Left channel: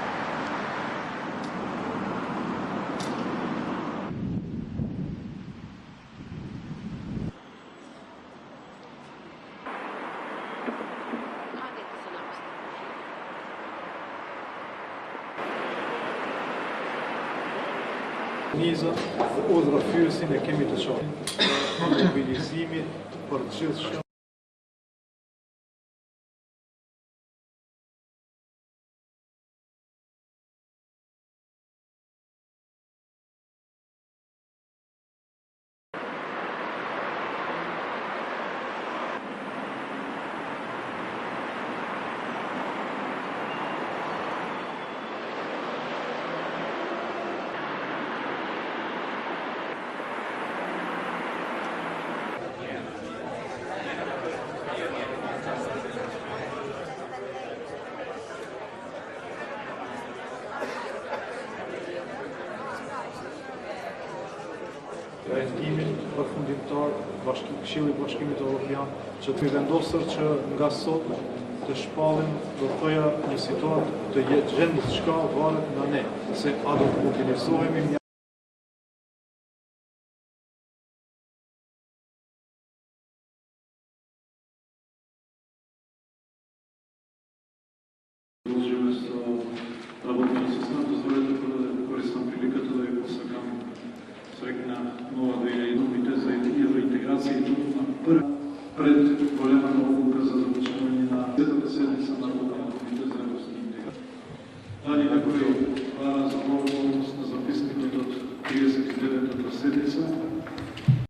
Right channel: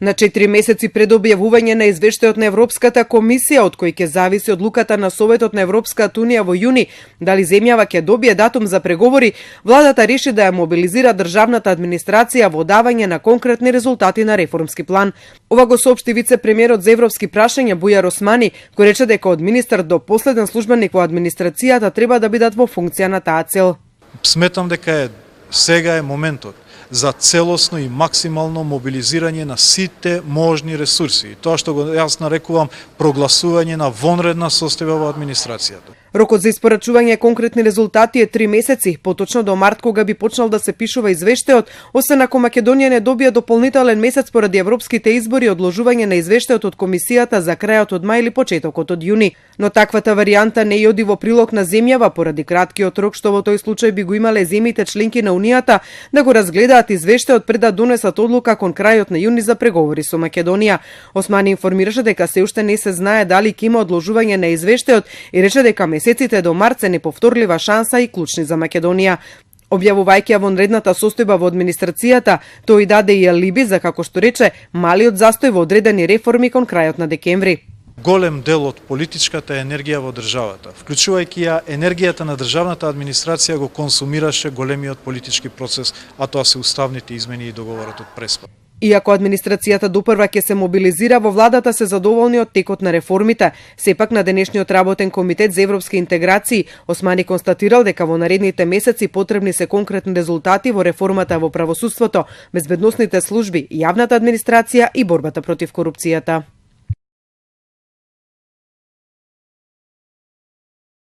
На 4 месеци пред објавување на извештајот на Европската комисија, од кој ќе зависи одлуката на Советот на Европската унија во јуни дали земјава ќе добие датум за преговори, владата реши да ја мобилизира државната администрација во давање на конкретни резултати на реформски план. Ова го соопшти вице-премиерот за европски прашања Бујар Османи, кој рече дека од министар до последен службеник во администрацијата треба да бидат во функција на таа цел. Сметам дека сега е моментот за целосно и максимално мобилизирање на сите можни ресурси. Тоа што го јас нарекувам прогласување на вонредна состојба во администрацијата. Рокот за испорачување конкретни резултати е 3 месеци, поточно до март кога би почнал да се пишува извештајот, освен ако Македонија не добие дополнителен месец поради европските избори и одложување на извештајот од комисијата за крајот од мај или почетокот од јуни. Но таквата варијанта не оди во прилог на земјава поради краткиот рок што во тој случај би го имале земјите членки на Унијата да го разгледаат извештајот пред да донесат одлука кон крајот на јуни за преговори со Македонија. Османи информираше дека се уште не се знае дали ќе има одложување на извештајот и рече дека месеците до март се неповторлива шанса и клучни за Македонија. Објавувајќи ја вонредната состојба во администрацијата, тој даде и алиби за, како што рече, малиот застој во одредени реформи кон крајот на декември. Голем дел од политичката енергија во државата, вклучувајќи ја енергијата на државната администрација, го консумираше големиот политички процес, а тоа се уставните измени и договорот од Преспа. Иако администрацијата допрва ќе се мобилизира, во владата се задоволни од текот на реформите. Сепак на денешниот работен комитет за европски интеграции, Османи констатирал дека во наредните месеци потребни се конкретни резултати во реформата во правосудството, безбедносните служби, јавната администрација и борбата против корупцијата.